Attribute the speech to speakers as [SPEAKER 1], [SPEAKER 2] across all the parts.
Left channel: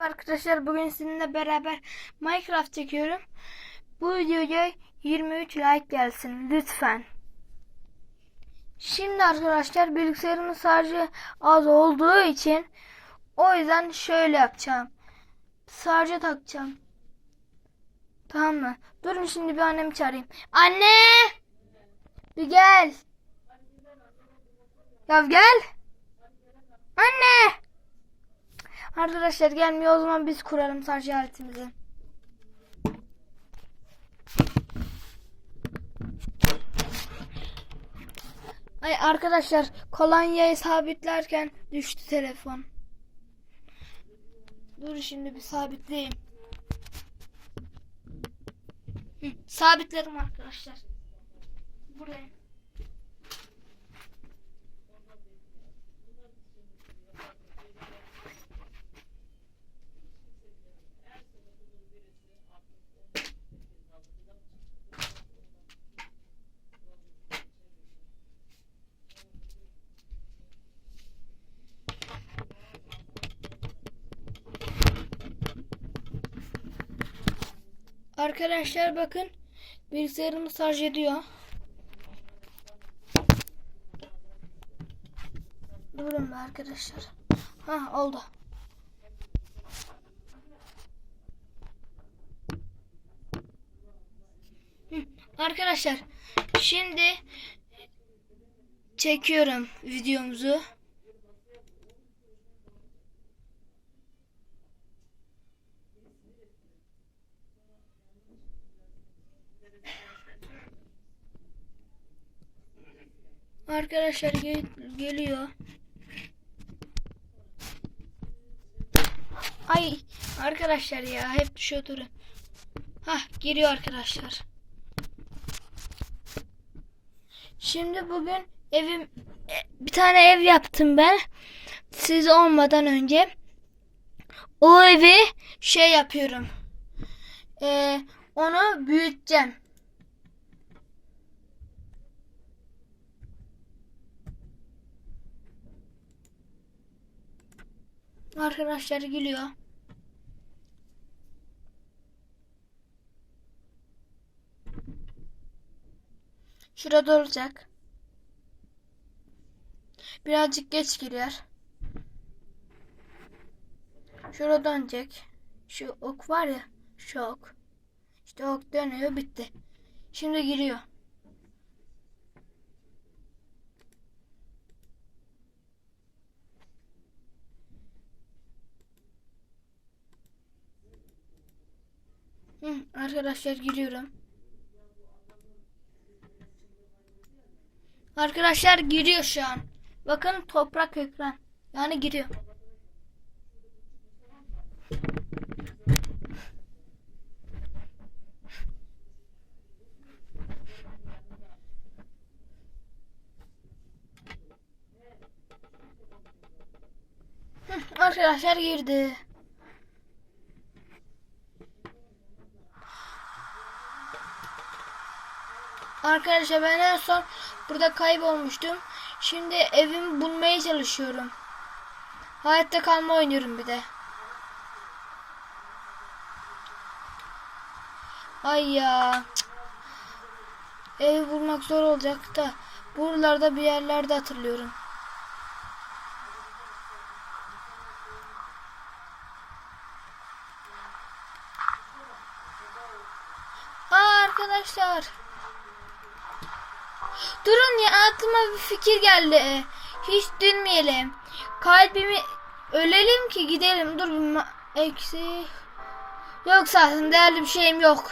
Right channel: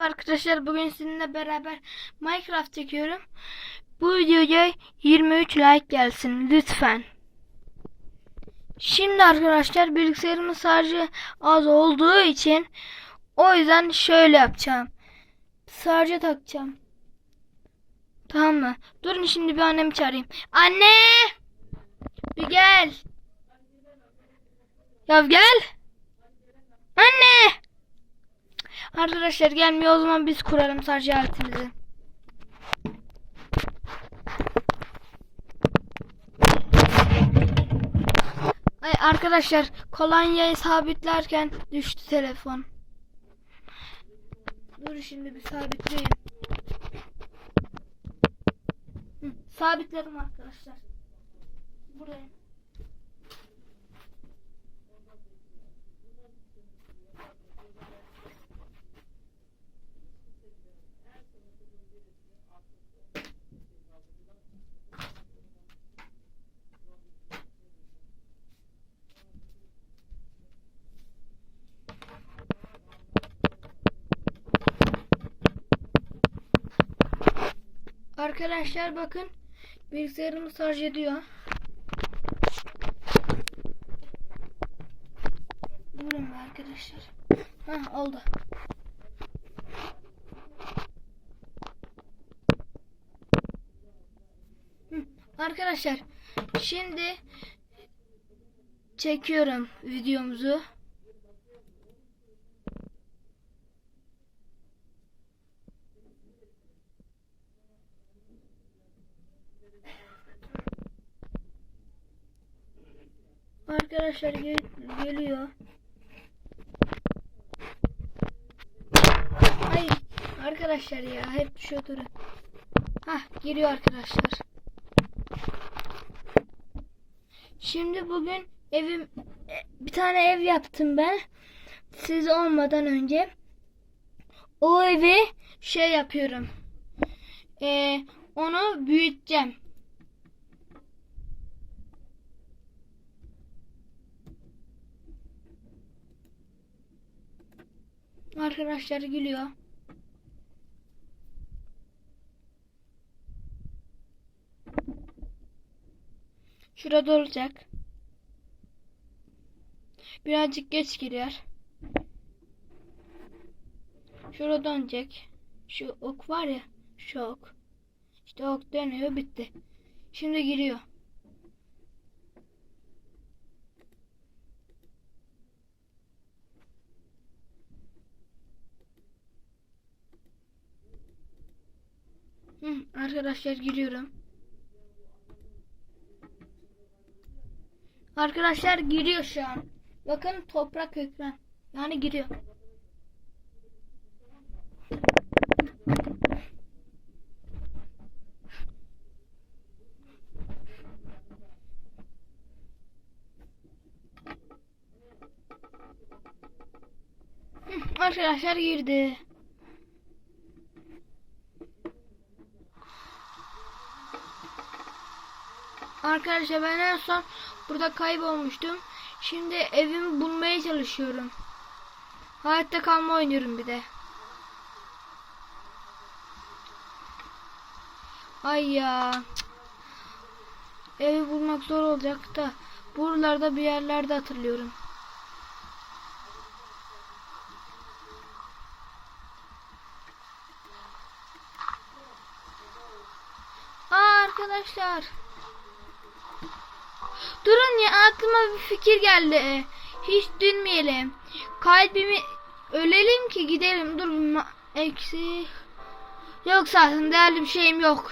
[SPEAKER 1] Arkadaşlar bugün sizinle beraber Minecraft çekiyorum. Bu videoya 23 like gelsin lütfen. Şimdi arkadaşlar bilgisayarımın şarjı az olduğu için o yüzden şöyle yapacağım. Şarja takacağım. Tamam mı? Durun şimdi bir annemi çağırayım. Anne! Bir gel. Ya gel. Anne! Arkadaşlar gelmiyor o zaman biz kuralım şarj aletimizi. Ay arkadaşlar kolonyayı sabitlerken düştü telefon. Dur şimdi bir sabitleyeyim. Hı, sabitledim arkadaşlar. Buraya. Arkadaşlar bakın bilgisayarımı şarj ediyor. Durun be arkadaşlar. Ha oldu. Hı, Arkadaşlar şimdi çekiyorum videomuzu. Arkadaşlar gel- geliyor. Ay arkadaşlar ya hep düşüyor durun. Hah geliyor arkadaşlar. Şimdi bugün evim e, bir tane ev yaptım ben. Siz olmadan önce. O evi şey yapıyorum. Ee, onu büyüteceğim. Arkadaşlar gülüyor. Şurada olacak. Birazcık geç giriyor. Şurada dönecek. Şu ok var ya. Şu ok. İşte ok dönüyor bitti. Şimdi giriyor. Hı, arkadaşlar giriyorum. Arkadaşlar giriyor şu an. Bakın toprak ekran. Yani giriyor. Arkadaşlar girdi. Arkadaşlar ben en son burada kaybolmuştum. Şimdi evimi bulmaya çalışıyorum. Hayatta kalma oynuyorum bir de. Ay ya. Evi bulmak zor olacak da. Buralarda bir yerlerde hatırlıyorum. Aa arkadaşlar. Durun ya aklıma bir fikir geldi. Hiç dönmeyelim. Kalbimi ölelim ki gidelim. Dur bir eksi. Yok zaten değerli bir şeyim yok.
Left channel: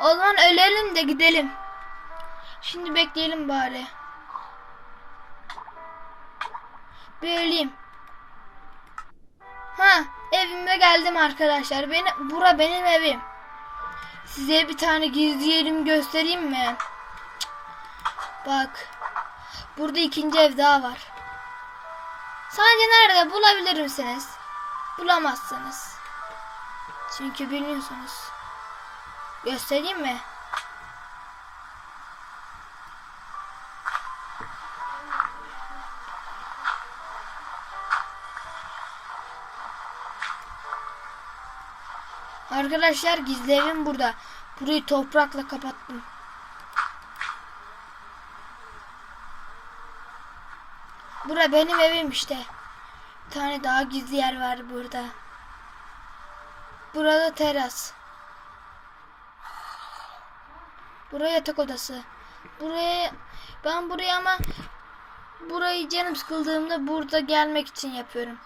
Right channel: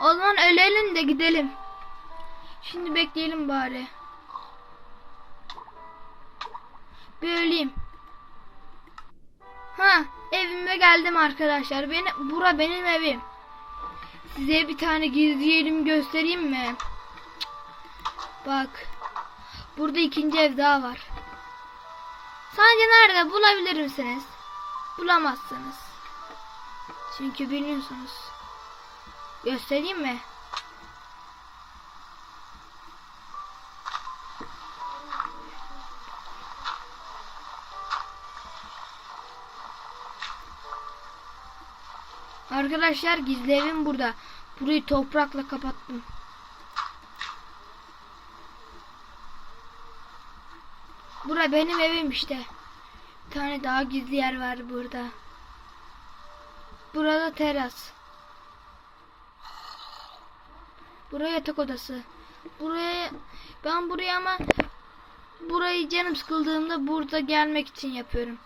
[SPEAKER 1] O zaman ölelim de gidelim. Şimdi bekleyelim bari. Bir öleyim. Ha, evime geldim arkadaşlar. Beni bura benim evim. Size bir tane gizli yerimi göstereyim mi? Bak. Burada ikinci ev daha var. Sadece nerede bulabilir misiniz? Bulamazsınız. Çünkü bilmiyorsunuz. Göstereyim mi? Arkadaşlar gizlerim burada. Burayı toprakla kapattım. Bura benim evim işte. Bir tane daha gizli yer var burada. Burada teras. Buraya yatak odası. Buraya ben buraya ama burayı canım sıkıldığımda burada gelmek için yapıyorum.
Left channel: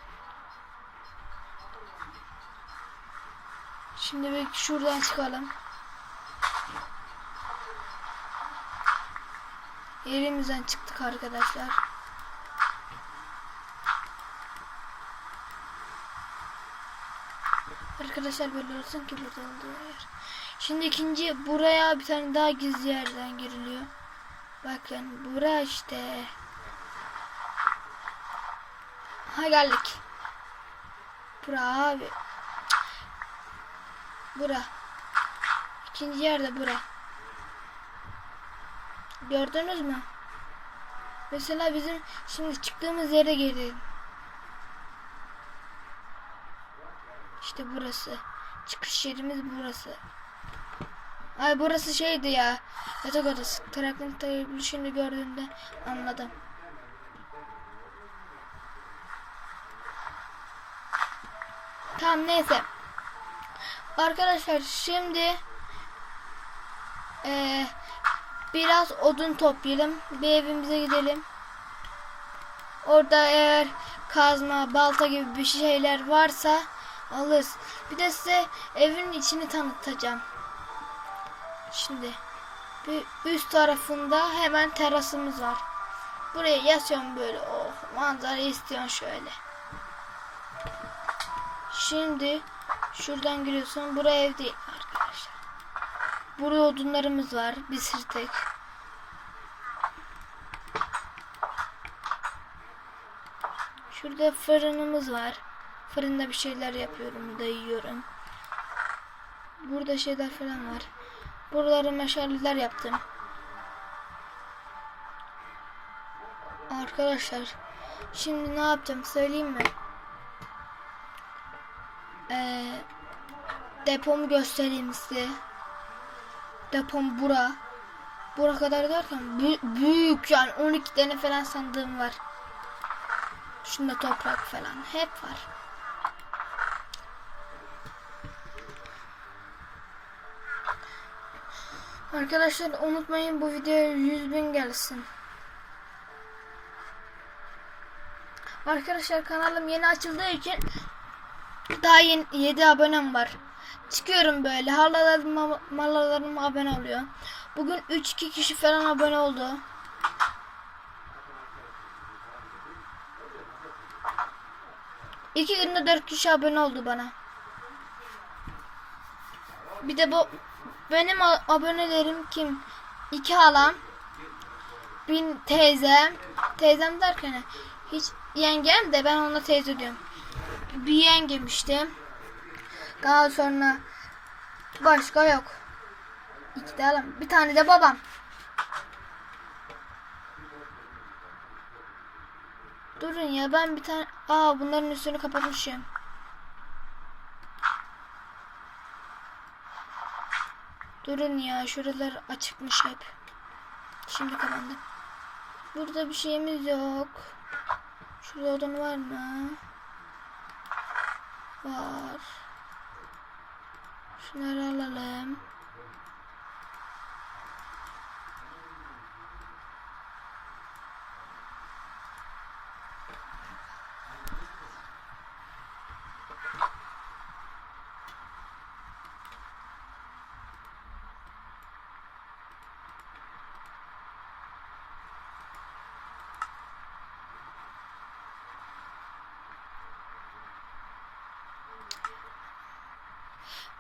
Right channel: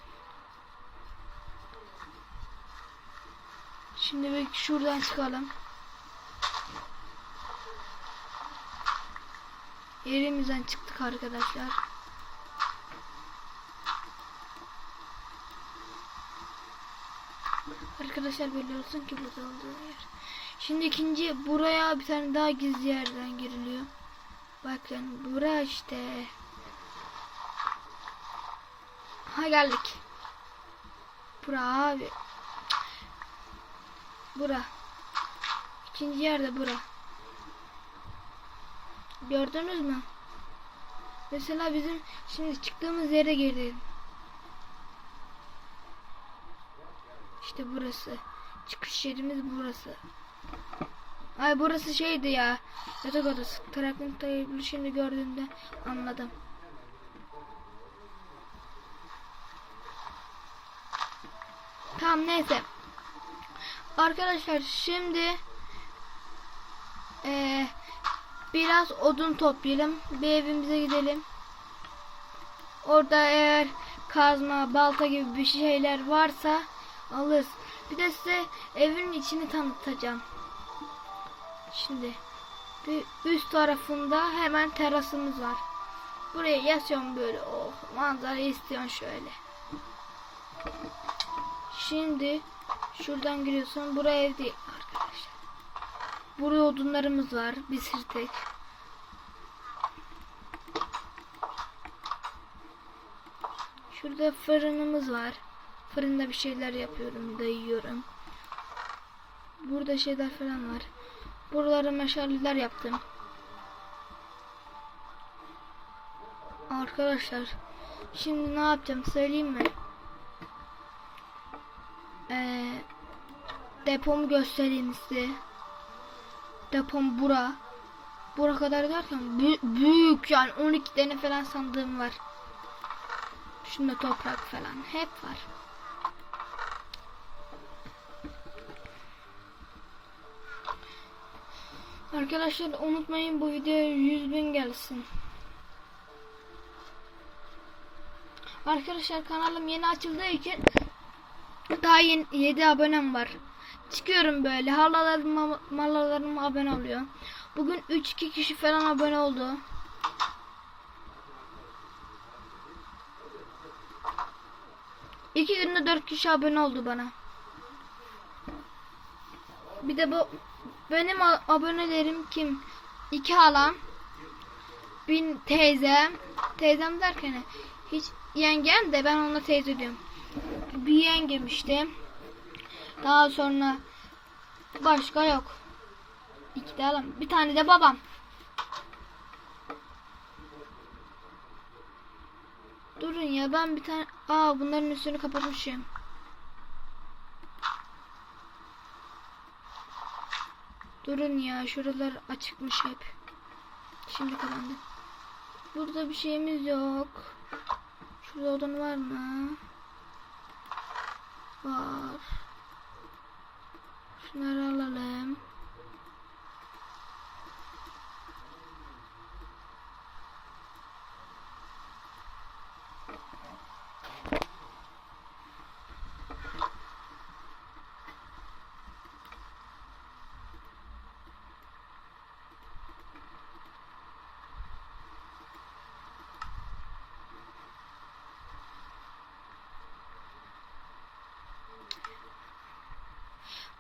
[SPEAKER 1] Şimdi bir şuradan çıkalım. Yerimizden çıktık arkadaşlar. Arkadaşlar böyle olsun ki burada olduğu yer. Şimdi ikinci buraya bir tane daha gizli yerden giriliyor. Bakın bura işte. Ha geldik. Bura abi. Bura. İkinci yerde bura. Gördünüz mü? Mesela bizim şimdi çıktığımız yere girdim. İşte burası. Çıkış yerimiz burası. Ay burası şeydi ya. Yatak odası. Traktörü şimdi gördüğümde anladım. Tamam neyse. Arkadaşlar şimdi eee, biraz odun toplayalım. Bir evimize gidelim. Orada eğer kazma, balta gibi bir şeyler varsa alırız. Bir de size evin içini tanıtacağım. Şimdi bir üst tarafında hemen terasımız var. Buraya yatıyorum böyle. Oh manzara istiyorsun şöyle. Şimdi şuradan giriyorsun. Buraya ev değil arkadaşlar. Buraya odunlarımız var. Bir sırtek. Şurada fırınımız var. Fırında bir şeyler yapıyorum da yiyorum. Burada şeyler falan var. Buraları meşaleler yaptım. Arkadaşlar şimdi ne yapacağım söyleyeyim mi? Ee, depomu göstereyim size. Depom bura. Bura kadar derken bü- büyük yani 12 tane falan sandığım var. Şunda toprak falan hep var. Arkadaşlar unutmayın bu videoya 100 bin gelsin. Arkadaşlar kanalım yeni açıldığı için daha yeni 7 abonem var. Çıkıyorum böyle halalarım malalarım abone oluyor. Bugün 3-2 kişi falan abone oldu. İki günde 4 kişi abone oldu bana. Bir de bu benim abonelerim kim? İki halam, bin teyzem, teyzem derken hiç yengem de ben ona teyze diyorum. Bir yengem işte. Daha sonra başka yok. İki de halam, bir tane de babam. Durun ya ben bir tane aa bunların üstünü kapatmışım. Durun ya şuralar açıkmış hep. Şimdi kapandı. Burada bir şeyimiz yok. Şurada odun var mı? Var. Şunları alalım.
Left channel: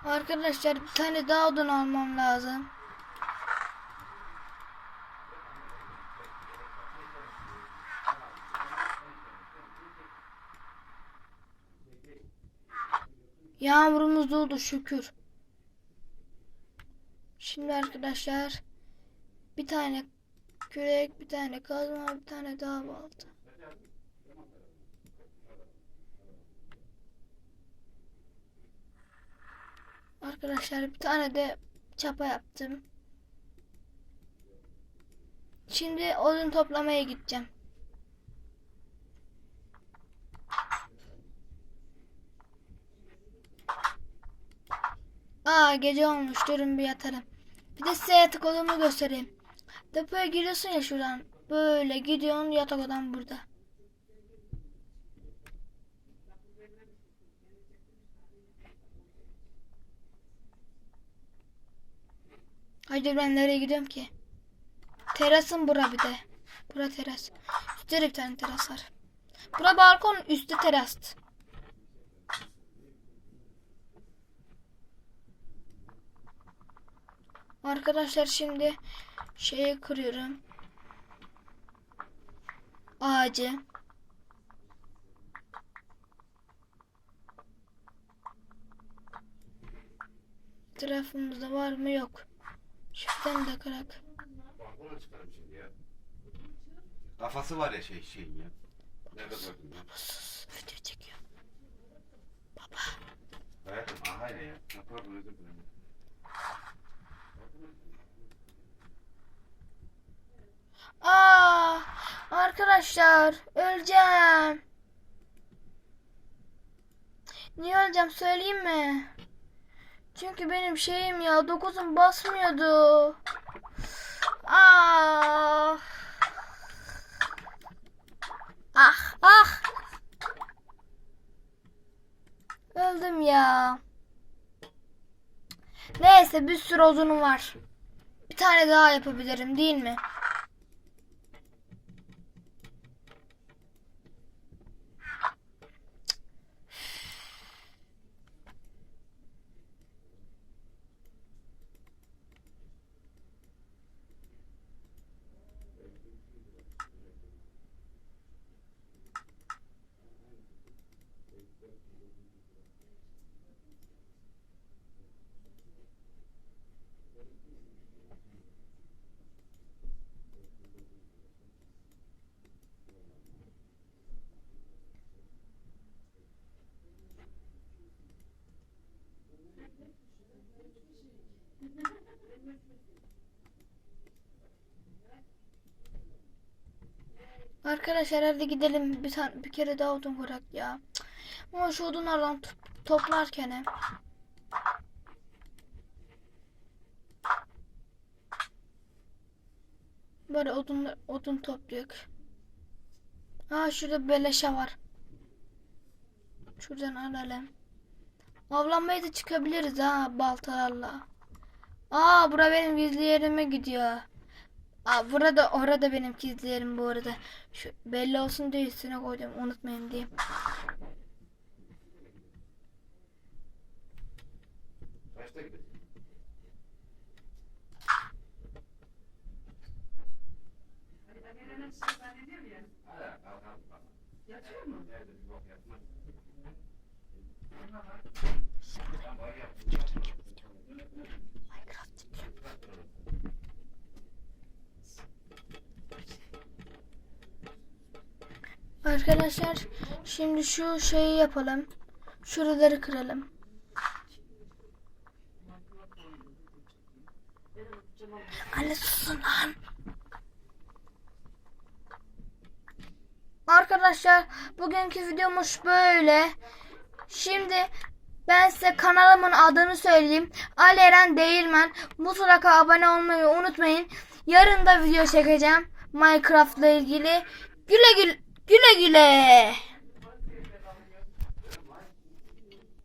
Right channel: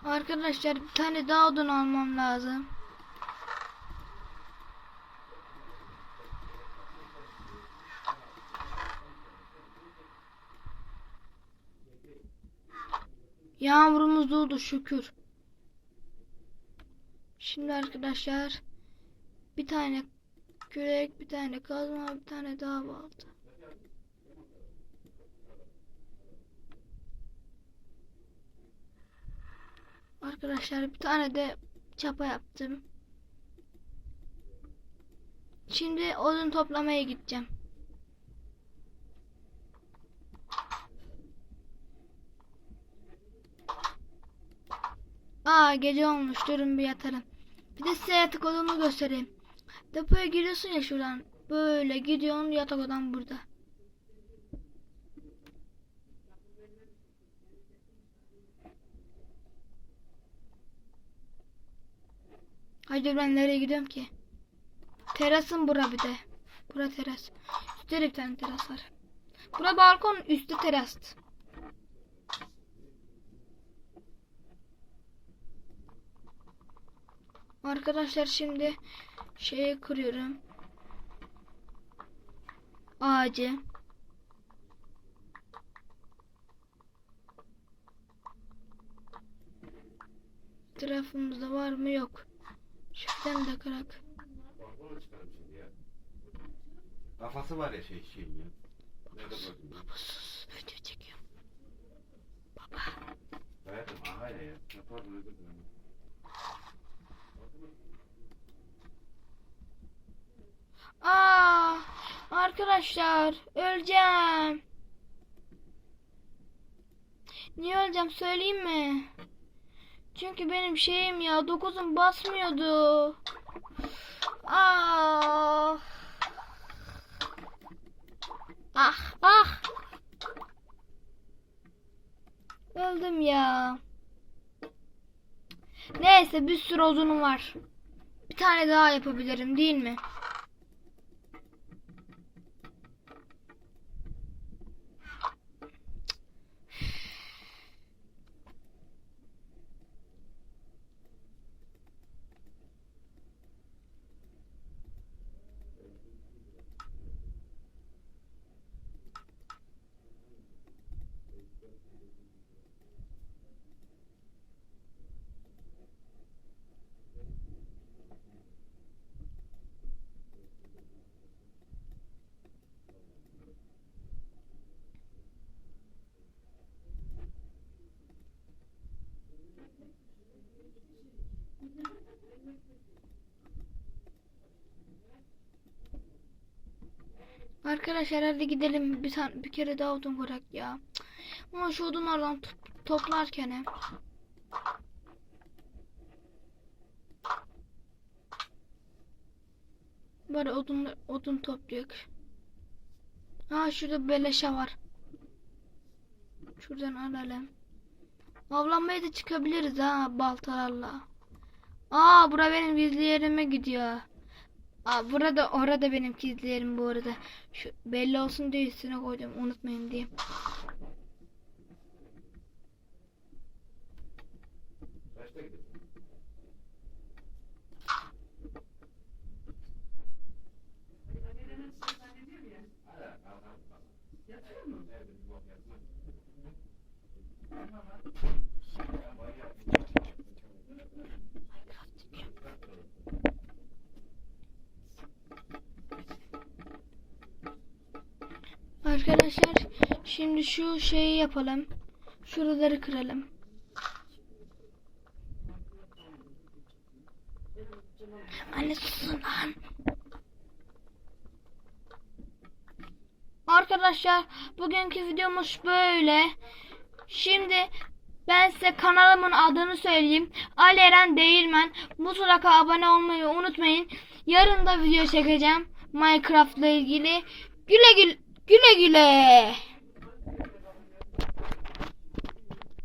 [SPEAKER 1] Arkadaşlar bir tane daha odun almam lazım. Yağmurumuz durdu şükür. Şimdi arkadaşlar bir tane kürek, bir tane kazma, bir tane daha balta. Arkadaşlar bir tane de çapa yaptım. Şimdi odun toplamaya gideceğim. Aa gece olmuş durun bir yatarım. Bir de size yatak odamı göstereyim. Depoya giriyorsun ya şuradan. Böyle gidiyorsun yatak odam burada. Haydi ben nereye gidiyorum ki? Terasın bura bir de. Bura teras. Üstte bir tane teras var. Bura balkon üstte teras. Arkadaşlar şimdi şeyi kırıyorum. Ağacı. Tarafımızda var mı yok.
[SPEAKER 2] Şimdi ya. Kafası var ya şey şeyin ya. Nerede gördün ya?
[SPEAKER 1] Video çekiyor.
[SPEAKER 2] Hayatım aha ya. ya. Ne pardon özür dilerim.
[SPEAKER 1] Aa, arkadaşlar öleceğim. Niye öleceğim söyleyeyim mi? Çünkü benim şeyim ya dokuzum basmıyordu. Ah. Ah ah. Öldüm ya. Neyse bir sürü odunum var. Bir tane daha yapabilirim değil mi? Arkadaşlar hadi gidelim bir tane bir kere daha odun bırak ya. Ama şu odunlardan to- toplarken hem. Böyle odun odun topluyor. Aa şurada beleşe var. Şuradan alalım. Avlanmaya da çıkabiliriz ha baltalarla. Aa bura benim gizli yerime gidiyor. Aa, burada orada benim gizli yerim bu arada. Şu belli olsun diye üstüne koydum. Unutmayın diye.
[SPEAKER 2] Yatıyor mu? Ben var ya.
[SPEAKER 1] Arkadaşlar şimdi şu şeyi yapalım. Şuraları kıralım. Anne susun lan. Arkadaşlar bugünkü videomuz böyle. Şimdi ben size kanalımın adını söyleyeyim. Ali Eren Değirmen. Mutlaka abone olmayı unutmayın. Yarın da video çekeceğim. Minecraft ile ilgili. Güle güle. Güle güle.